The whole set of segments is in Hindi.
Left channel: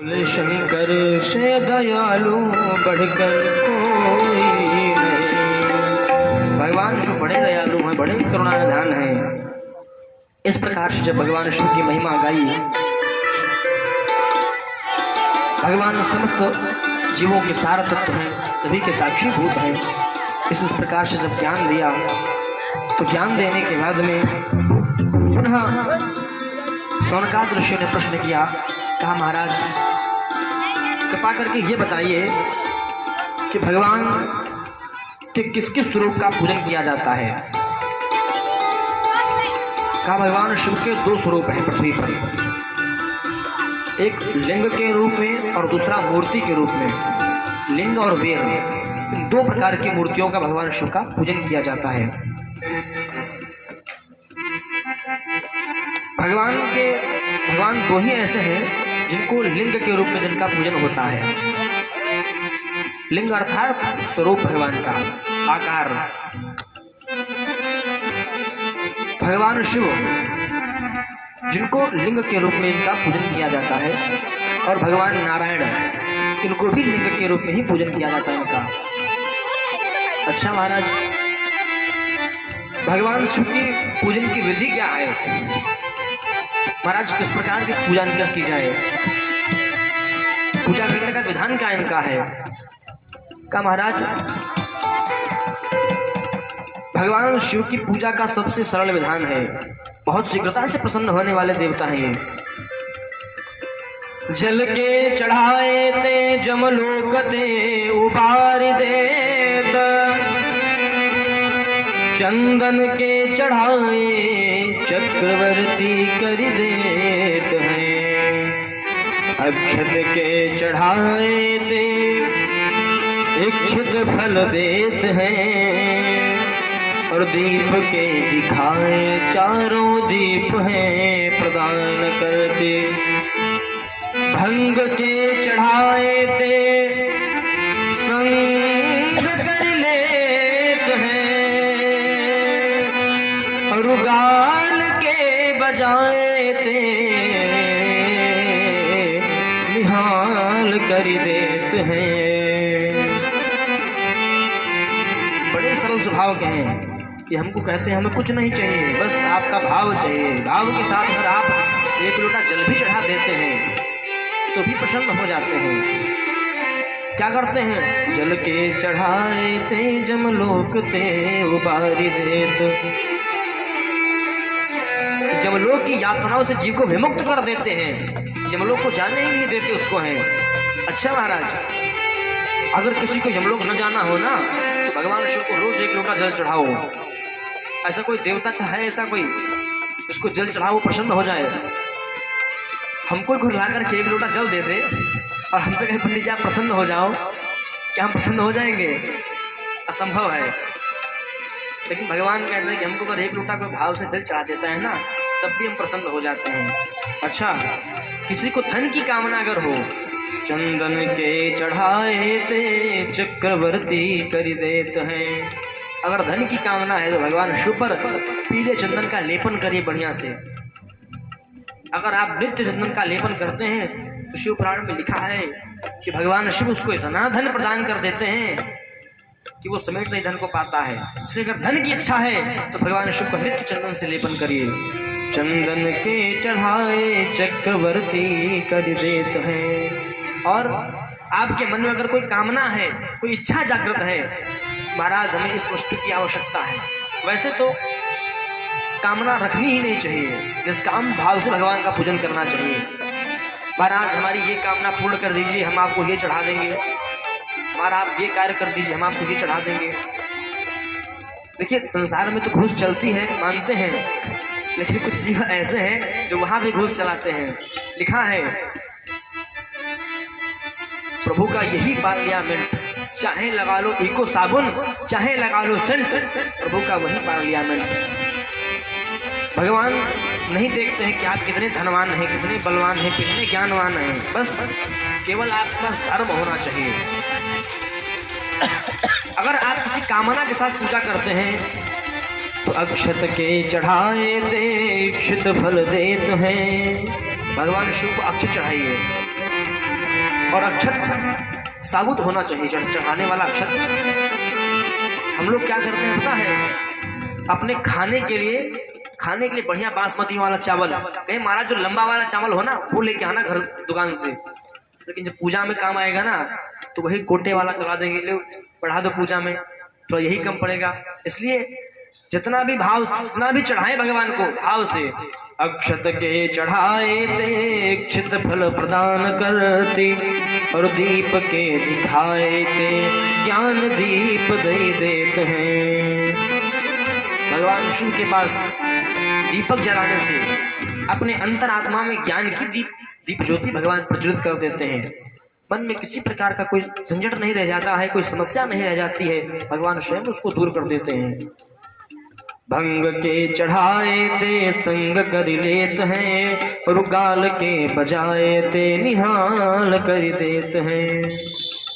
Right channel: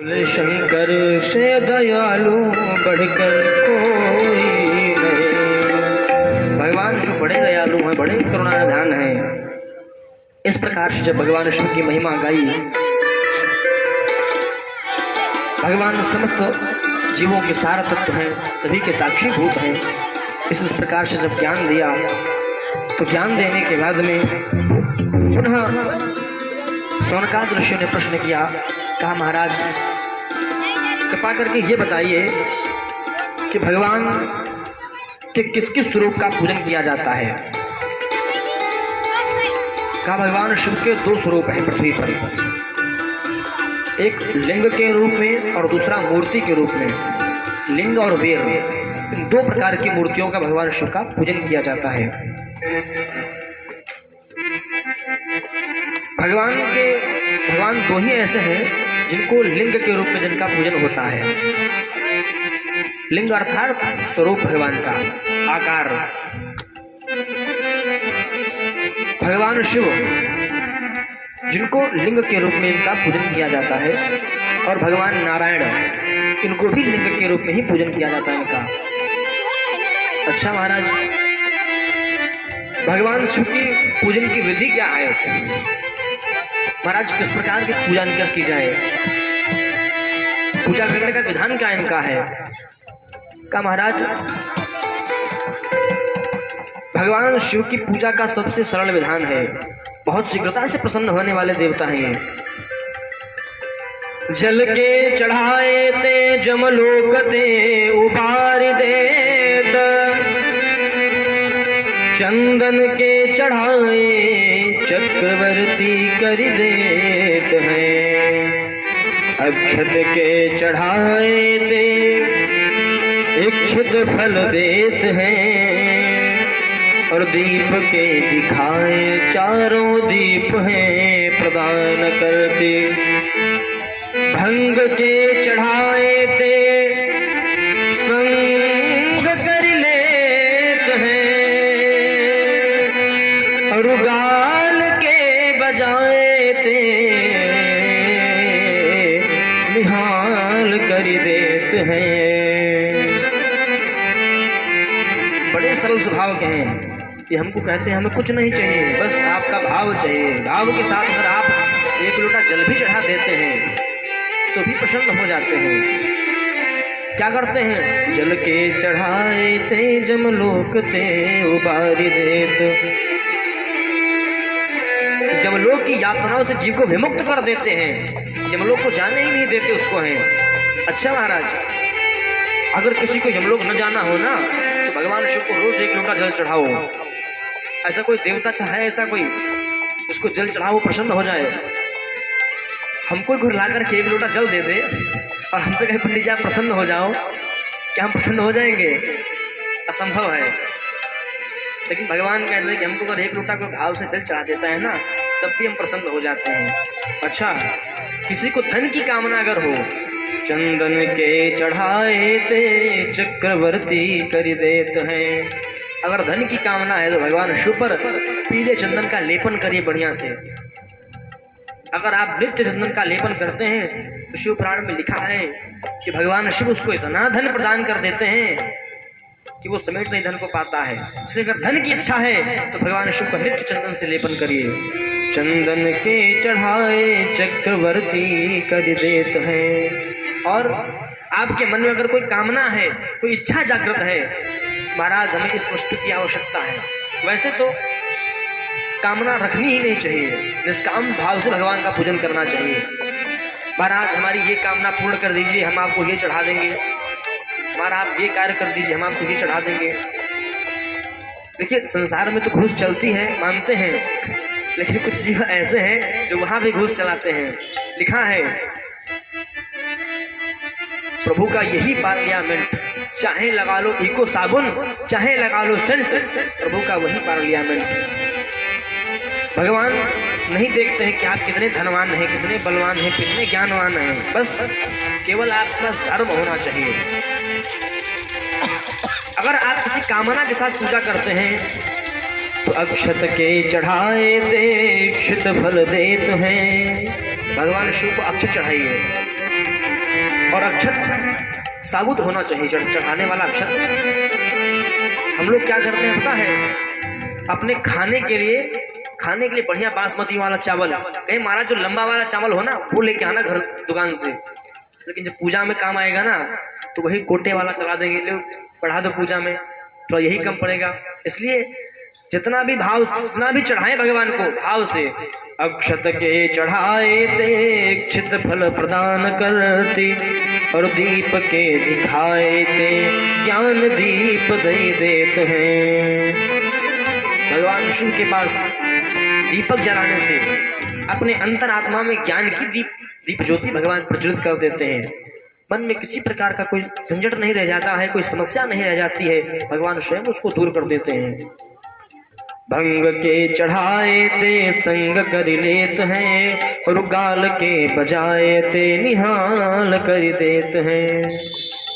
शंकर से दयालु बढ़कर कोई नहीं। भगवान जो बड़े दयालु हैं, बड़े करुणानिधान हैं। इस प्रकार से जब भगवान शिव की महिमा गाई, भगवान समस्त जीवों के सार तत्व हैं, सभी के साक्षीभूत हैं। इस प्रकार से जब ज्ञान दिया तो ज्ञान देने के बाद में पुनः सौनकादि ऋषि ने प्रश्न किया, कहा महाराज कृपा करके ये बताइए कि भगवान के किस किस स्वरूप का पूजन किया जाता है। कहा भगवान शिव के दो स्वरूप हैं पृथ्वी पर, एक लिंग के रूप में और दूसरा मूर्ति के रूप में। लिंग और वीर, इन दो प्रकार की मूर्तियों का भगवान शिव का पूजन किया जाता है। भगवान दो ही ऐसे हैं जिनको लिंग के रूप में जिनका पूजन होता है। लिंग अर्थात स्वरूप भगवान का आकार। भगवान शिव जिनको लिंग के रूप में इनका पूजन किया जाता है, और भगवान नारायण इनको भी लिंग के रूप में ही पूजन किया जाता है इनका। अच्छा महाराज, भगवान शिव की पूजन की विधि क्या है महाराज? किस प्रकार की पूजा इनका की जाए? पूजा करने का विधान क्या इनका है? का महाराज भगवान शिव की पूजा का सबसे सरल विधान है, बहुत शीघ्रता से प्रसन्न होने वाले देवता हैं ये। जल के चढ़ाए ते जमलोक ते उबार देत, चंदन के चढ़ाए चक्रवर्ती कर देत हैं। अक्षत के चढ़ाए ते इच्छित फल देत हैं, और दीप के दिखाए चारों दीप हैं प्रदान करते। भंग के चढ़ाए ते संग कर लेत हैं, और गाल के बजाए ते निहाल कर देते हैं। बड़े सरल स्वभाव के हैं कि हमको कहते हैं हमें कुछ नहीं चाहिए, बस आपका भाव चाहिए। भाव के साथ अगर आप एक लोटा जल भी चढ़ा देते हैं तो भी प्रसन्न हो जाते हैं। क्या करते हैं? जल के चढ़ाए ते जमलोक ते उबारी देत। जमलोक की यातनाओं से जीव को विमुक्त कर देते हैं, जमलोक को जाने ही नहीं देते उसको हैं। अच्छा महाराज, अगर किसी को यमलोक न जाना हो ना तो भगवान शिव को रोज एक लोटा जल चढ़ाओ। ऐसा कोई देवता है ऐसा कोई उसको जल चढ़ाओ प्रसन्न हो जाए? हमको घर ला करके एक लोटा जल दे दे और हमसे कहे पंडित जी आप प्रसन्न हो जाओ, क्या हम प्रसन्न हो जाएंगे? असंभव है। लेकिन भगवान कहते हैं कि हमको अगर एक लोटा कोई भाव से जल चढ़ा देता है ना तब भी हम प्रसन्न हो जाते हैं। अच्छा, किसी को धन की कामना अगर हो, चंदन के चढ़ाए ते चक्रवर्ती कर देते हैं। अगर धन की कामना है तो भगवान शिव पर पीले चंदन का लेपन करिए बढ़िया से। अगर आप नित्य चंदन का लेपन करते हैं तो शिव पुराण में लिखा है कि भगवान शिव उसको इतना धन प्रदान कर देते हैं कि वो समेट नहीं धन को पाता है। इसलिए अगर धन की इच्छा है तो भगवान शिव का नित्य चंदन से लेपन करिए। चंदन के चढ़ाए चक्रवर्ती कर देते हैं। और आपके मन में अगर कोई कामना है, कोई इच्छा जागृत है, महाराज हमें इस वस्तु की आवश्यकता है, वैसे तो कामना रखनी ही नहीं चाहिए, निष्काम भाव से भगवान का पूजन करना चाहिए। महाराज हमारी ये कामना पूर्ण कर दीजिए, हम आपको ये चढ़ा देंगे। हमारा आप ये कार्य कर दीजिए, हम आपको ये चढ़ा देंगे। देखिए संसार में तो घूस चलती है, मानते हैं, लेकिन कुछ जीव ऐसे हैं जो वहां भी घूस चलाते हैं। लिखा है प्रभु का यही पार्लियामेंट, चाहे लगा लो इको साबुन, चाहे लगा लो सेंट, प्रभु का वही पार्लियामेंट। भगवान नहीं देखते हैं कि आप कितने धनवान हैं, कितने बलवान हैं, कितने ज्ञानवान हैं, बस केवल आपके पास धर्म होना चाहिए। अगर आप किसी कामना के साथ पूजा करते हैं तो अक्षत के चढ़ाए ते इच्छित फल देत हैं। भगवान शिव को अक्षत चढ़ाइए, और अक्षत साबुत होना चाहिए। चढ़ाने वाला अक्षत हम लोग क्या करते हैं पता है, अपने खाने के लिए बढ़िया बासमती वाला चावल, महाराज जो लंबा वाला चावल हो ना वो लेके आना घर दुकान से, लेकिन जब पूजा में काम आएगा ना तो वही कोटे वाला चला देंगे, लोग बढ़ा दो पूजा में तो यही कम पड़ेगा। इसलिए जितना भी चढ़ाए भगवान को भाव से। अक्षत के चढ़ाए ते इच्छित फल प्रदान करते, और दीप के दिखाए ते ज्ञान दीप दे देते हैं। भगवान शिव के पास दीपक जलाने से अपने अंतरात्मा में ज्ञान की दीप ज्योति भगवान प्रज्वलित कर देते हैं। मन में किसी प्रकार का कोई झंझट नहीं रह जाता है, कोई समस्या नहीं रह जाती है, भगवान स्वयं उसको दूर कर देते हैं। भंग के चढ़ाए ते संग कर लेत हैं, और गाल के बजाए ते निहाल कर देते हैं।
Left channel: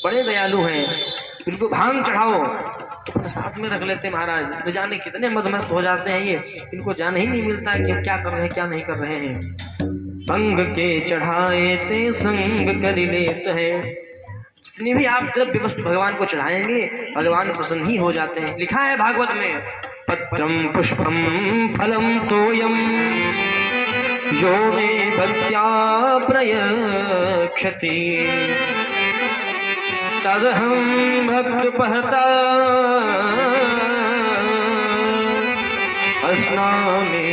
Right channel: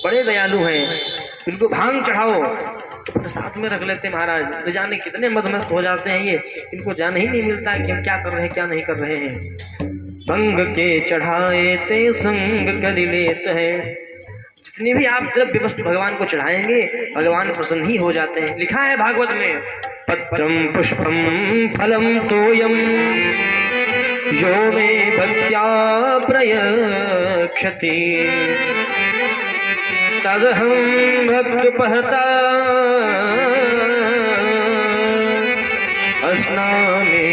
बड़े दयालु हैं, इनको भांग चढ़ाओ तो प्रसाद में रख लेते महाराज, न जाने कितने मदमस्त हो जाते हैं ये, इनको जान ही नहीं मिलता है कि क्या कर रहे हैं क्या नहीं कर रहे हैं। भंग के चढ़ाए ते संग कर लेते हैं। जितने भी आप द्रव्य वस्तु भगवान को चढ़ाएंगे भगवान प्रसन्न ही हो जाते हैं। लिखा है भागवत में, पत्रम पुष्पम फलम तोयम यो मे भक्त्या प्रयच्छति, तदहं भक्तुपहता अस्नामि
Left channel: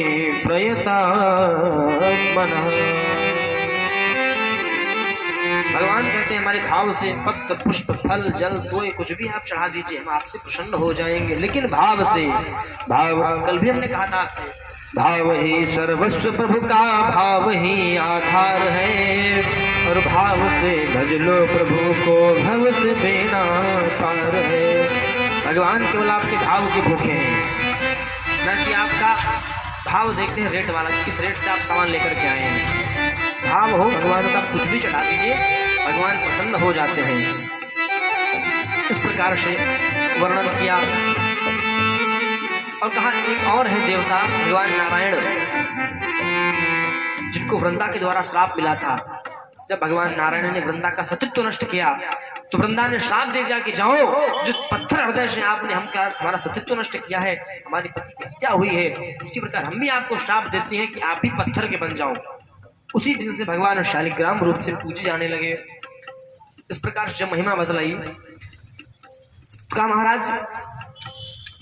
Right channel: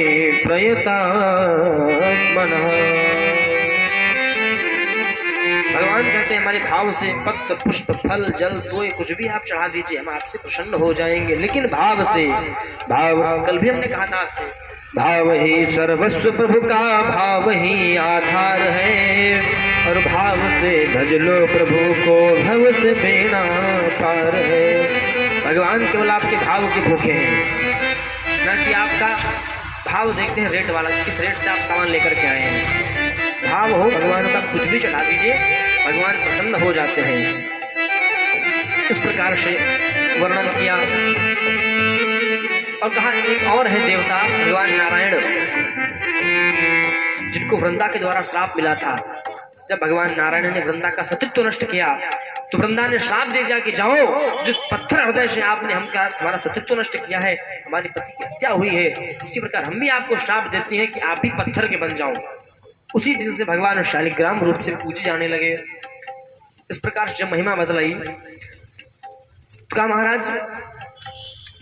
प्रयतात्मनः। भगवान कहते हैं हमारे भाव से पत्र पुष्प फल जल तोय कुछ भी आप चढ़ा दीजिए, हम आपसे प्रसन्न हो जाएंगे, लेकिन भाव से। भाव कल भी हमने कहा था आपसे, भाव ही सर्वस्व प्रभु का, भाव ही आधार है, और भाव से भज लो प्रभु को, भव से बेड़ा पार है। भगवान केवल आपके भाव के भूखे हैं, न कि आपका भाव देखते हैं रेट वाला, किस रेट से आप सामान लेकर के आए हैं। भाव हो भगवान का, कुछ भी चढ़ा दीजिए भगवान प्रसन्न हो जाते हैं। इस प्रकार से वर्णन किया। और कहा एक और है देवता भगवान नारायण, जिनको वृंदा के द्वारा श्राप मिला था। जब भगवान नारायण ने वृंदा का सतीत्व नष्ट किया तो वृंदा ने श्राप दे दिया कि जाओ, जिस पत्थर हृदय से आपने हमारा सतीत्व नष्ट किया है, हमारी पति की हत्या हुई है, उसी प्रकार हम भी आपको श्राप देती हैं कि आप भी पत्थर के बन जाओ। उसी दिन से भगवान शालिग्राम रूप से पूजे जाने लगे। इस प्रकार से जब महिमा बदलाई तो कहा महाराज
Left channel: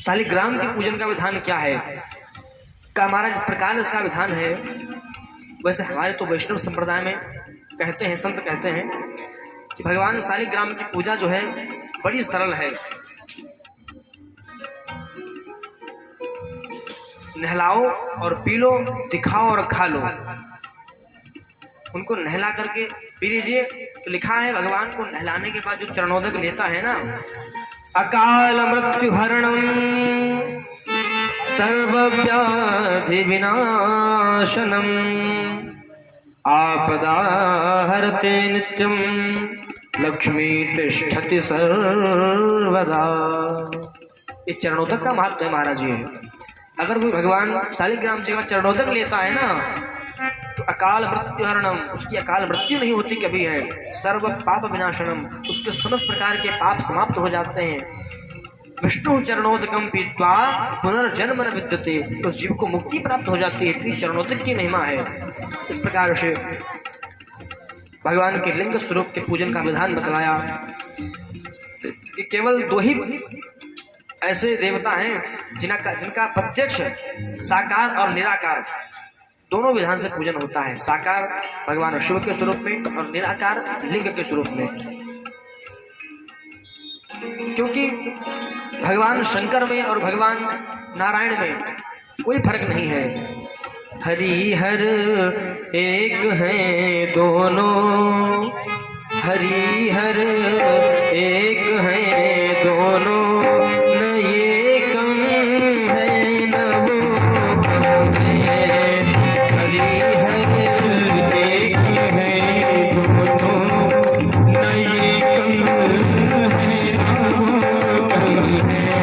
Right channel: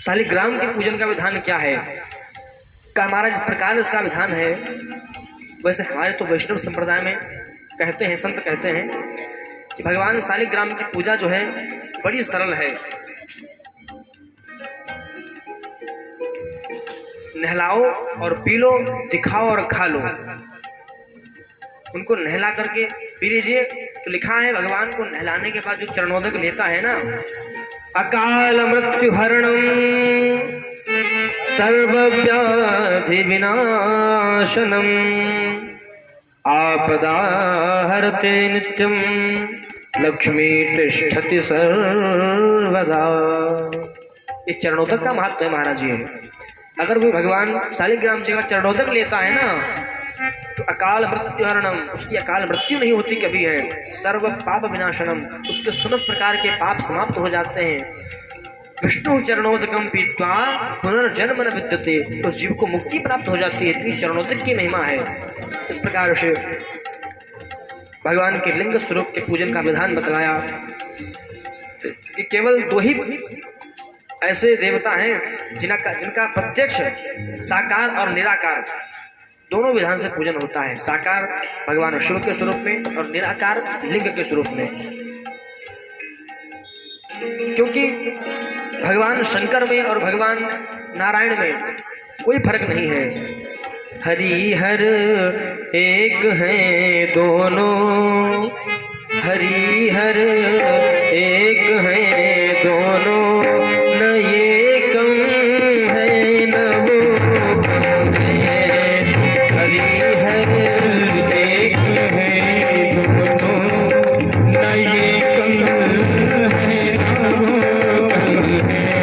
शालिग्राम के पूजन का विधान क्या है। कहा महाराज इस प्रकार इसका विधान है, वैसे हमारे तो वैष्णव संप्रदाय में कहते हैं, संत कहते हैं कि भगवान शालिग्राम की पूजा जो है बड़ी सरल है। नहलाओ और पी लो, दिखाओ और खा लो। उनको नहला करके पी लीजिए। तो लिखा है भगवान को नहलाने के बाद जो चरणोदक लेता है ना, अकाल मृत्यु हरणम सर्वव्याधि विनाशनम आपदा हरते नित्यम लक्ष्मी तिष्ठति सर्वदा। ये चरणोदक का महत्व है महाराज जी। अगर कोई भगवान शालिग्राम जी का चरणोदक लेता है ना तो अकाल मृत्यु हरणम, उसकी अकाल मृत्यु नहीं होती कभी है। सर्व पाप विनाशनम, उसके समस्त प्रकार के पाप समाप्त हो जाते हैं। विष्णु चरणोदकम पीत्वा पुनर्जन्म न विद्यते, उस जीव को मुक्ति प्राप्त हो जाती है। इतनी चरणोदक की महिमा है। इस प्रकार से भगवान के लिंग स्वरूप के पूजन का विधान बतलाया। तो केवल दो ही ऐसे देवता हैं जिनका प्रत्यक्ष साकार और निराकार दोनों विधान से पूजन होता है। साकार भगवान शिव के स्वरूप में और निराकार लिंग के स्वरूप में। क्योंकि भगवान शंकर में और भगवान नारायण में कोई फर्क नहीं है। हरि हर एक हैं दोनों, हरि हर एक हैं दोनों, न ये कम है न वो कम है। हरि हर एक हैं दोनों, न ये कम है न वो कम है।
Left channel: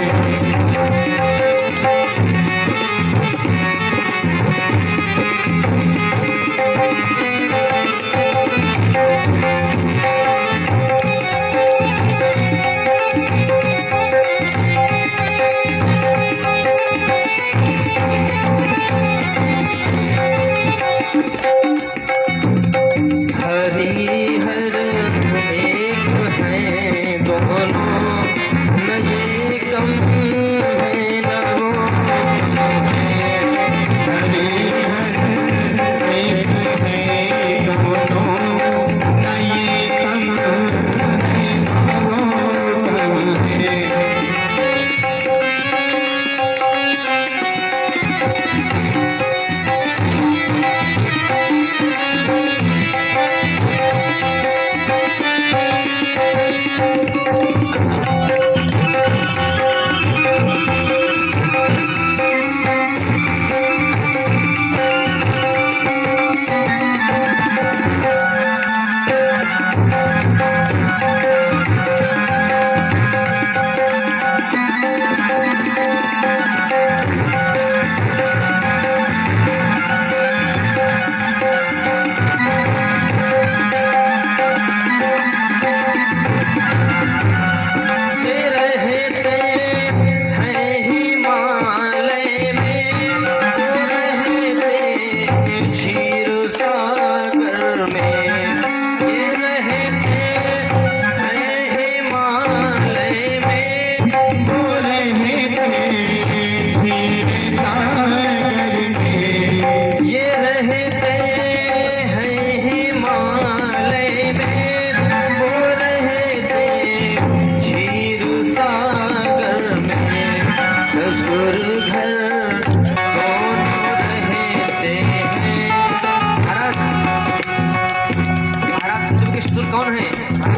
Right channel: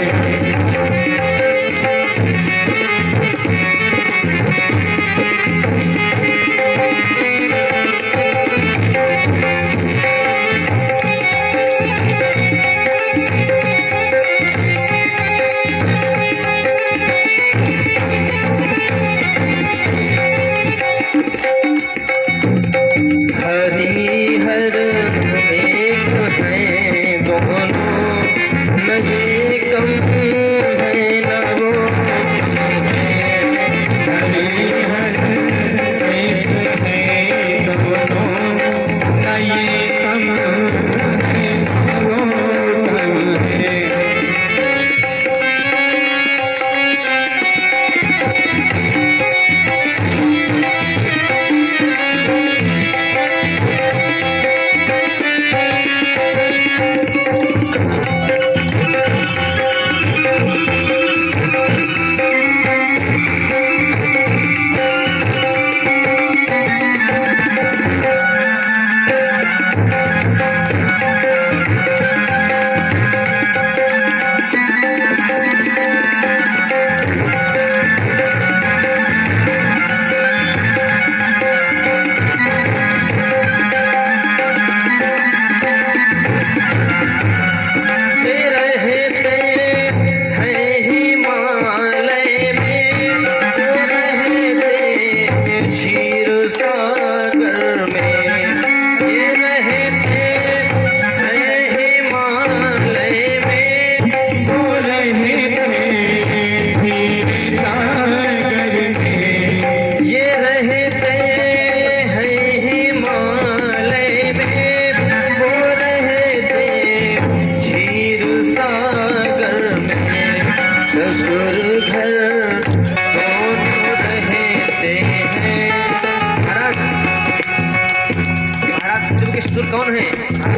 है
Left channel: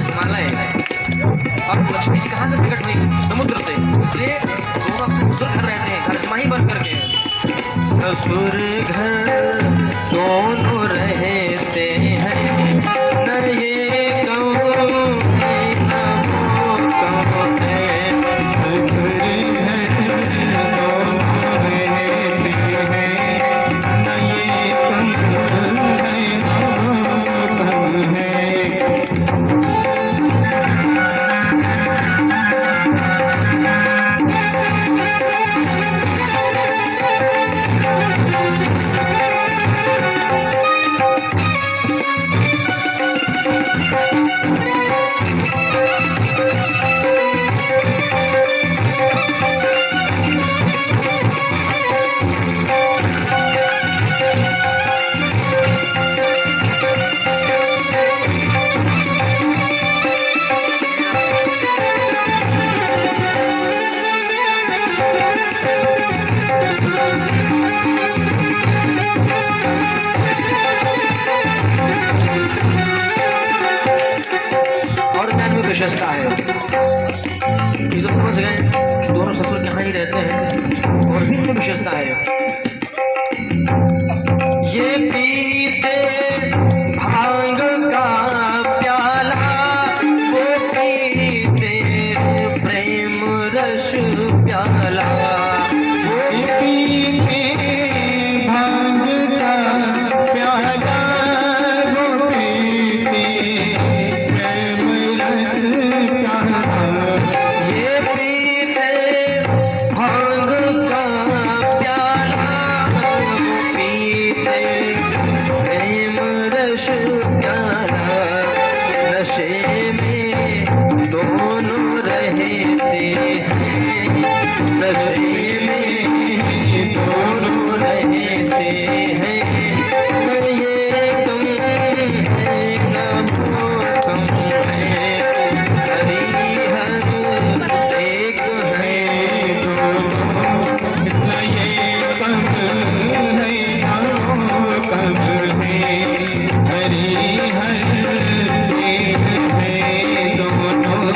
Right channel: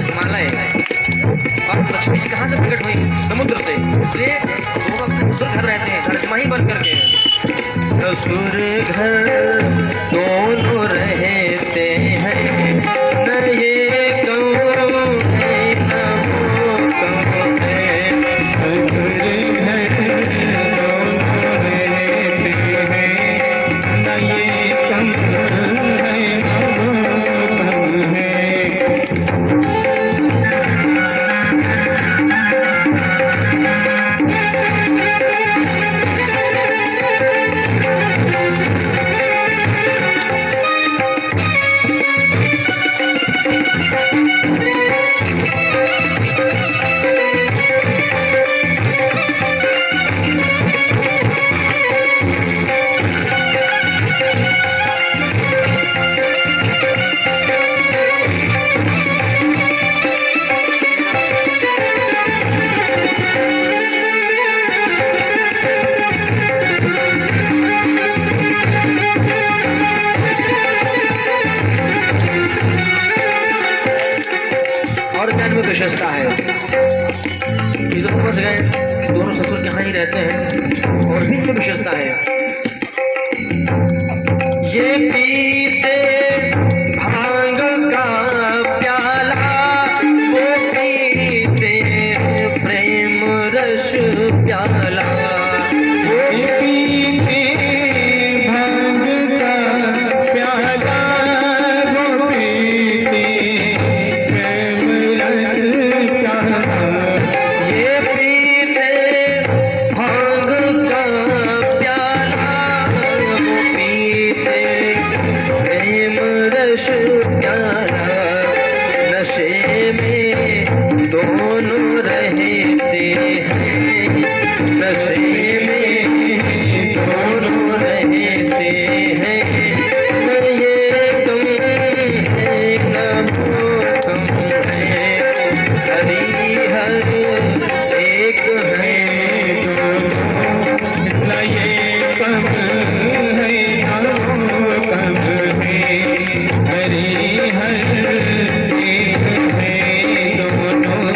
हिमालय, अब लक्ष्मी जी कहाँ से प्रकट हुई? समुद्र से। इसलिए दोनों अपने ससुर घर रहते हैं, हर्षमा ही बन करके। ससुर घर दोनों रहते हैं, नर ये कौन है न वो कौन है। ससुर घर दोनों रहते हैं, न ये कौन है न वो कौन है। और ज्ञान में विशेषता है, ये तो समझ गए कि दोनों ससुर कहाँ ही रहते हैं। और भी इनमें विशेषता है, ये पीते भांग का प्याला, वो पीते प्रेम रस प्याला। वो पीते भांग का प्याला, वो पीते ये पीते भांग का प्याला, वो पीते प्रेम रस प्याला। नशे में दोनों रहते हैं, नशे में दोनों रहते हैं, न ये तुम है न वो तुम है। हरि हर एक है दोनों, न ये तुम है न वो तुम है। हरि हर एक है दोनों,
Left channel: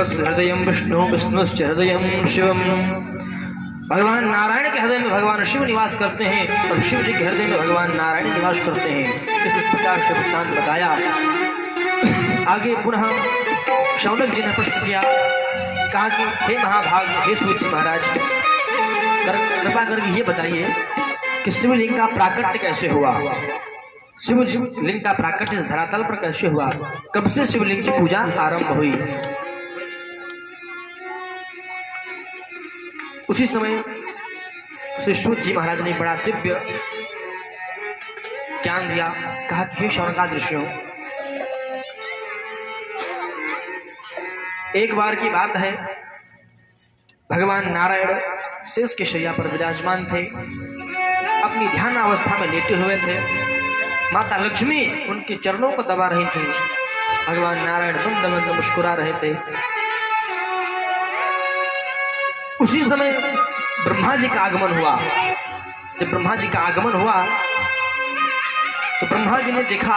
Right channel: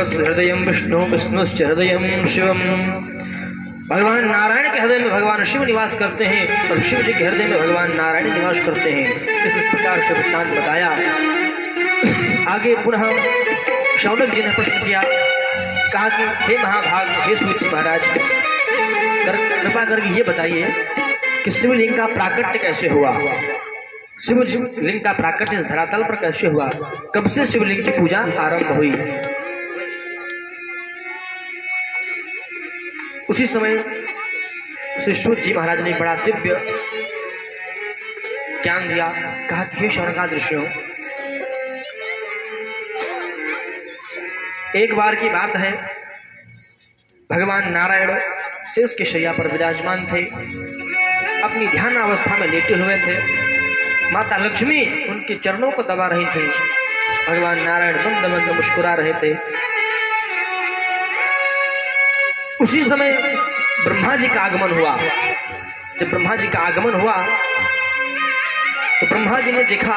शिवस्य हृदयं विष्णु, विष्णुश्च हृदयं शिवम। भगवान नारायण के हृदय में भगवान शिव निवास करते हैं और शिव जी के हृदय में भगवान नारायण निवास करते हैं। इस प्रकार से वृत्तांत बताया। आगे पुनः शौनक जी ने प्रश्न किया, कहा कि हे महाभाग, हे सूत महाराज, कृपा करके ये बताइए कि शिवलिंग का प्राकट्य कैसे हुआ, शिवलिंग का प्राकट्य इस धरातल पर कैसे हुआ, कब से शिवलिंग की पूजा आरंभ हुई। उसी समय श्री सूत जी महाराज ने बड़ा दिव्य ज्ञान दिया। कहा कि हे शौनकादृश्यों, एक बार की बात है, भगवान नारायण शेष के शैया पर विराजमान थे, अपनी ध्यान अवस्था में लेटे हुए थे। माता लक्ष्मी उनके चरणों को दबा रही थी। भगवान नारायण मंद मंद मुस्कुरा रहे थे। उसी समय ब्रह्मा जी का आगमन हुआ। जब ब्रह्मा जी का आगमन हुआ तो ब्रह्मा जी ने देखा